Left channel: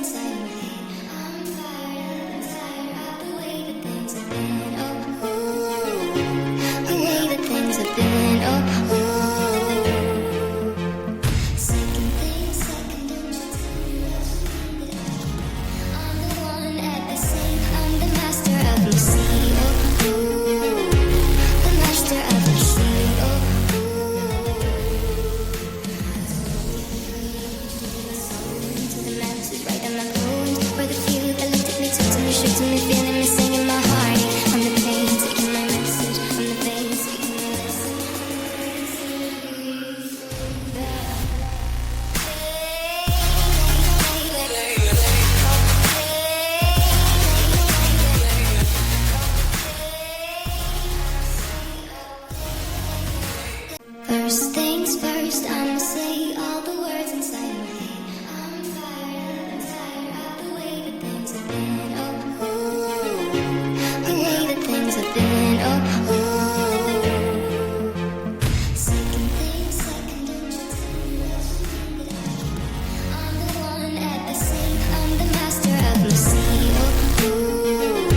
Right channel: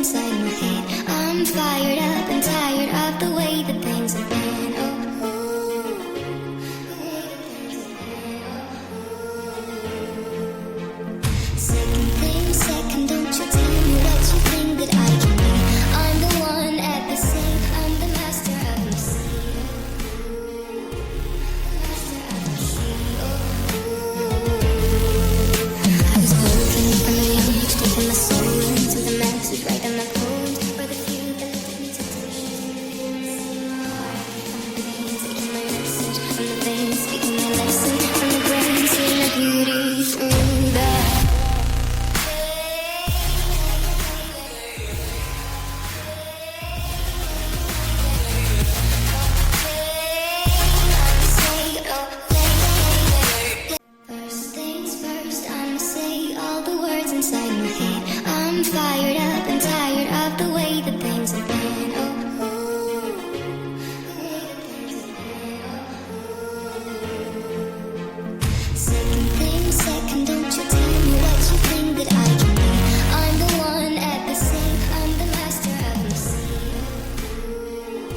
inside my head. I'm fired up and tired of the way that things have been. Oh, ooh, the way that things have been. Oh, ooh. Second thing, second, don't you tell me what you think that I can be. I'm the one at the same. I'm the master of my sea. Oh, ooh, the master of my sea. Oh, ooh. I was broken from a young age, taking my soul into the masses, writing my poems for the few that looked at me, took to me, shook to me, feeling me, singing my heart. From the pain, taking my message. From the veins, speaking my lesson. From the brain, seeing the beauty through the First things first, I'ma say all the words inside my head. I'm fired up and tired of the way that things have been. Oh, ooh, the way that things have been. Oh, ooh. Second thing, second, don't you tell me what you think that I can be. I'm the one at the same. I'm the master of my sea. Oh, ooh,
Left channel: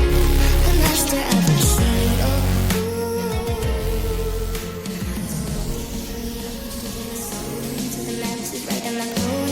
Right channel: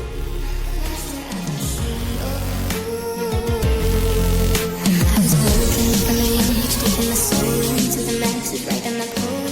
the master of my sea. Oh, ooh. I was broken from a young age, taking my soul into the masses, writing my poems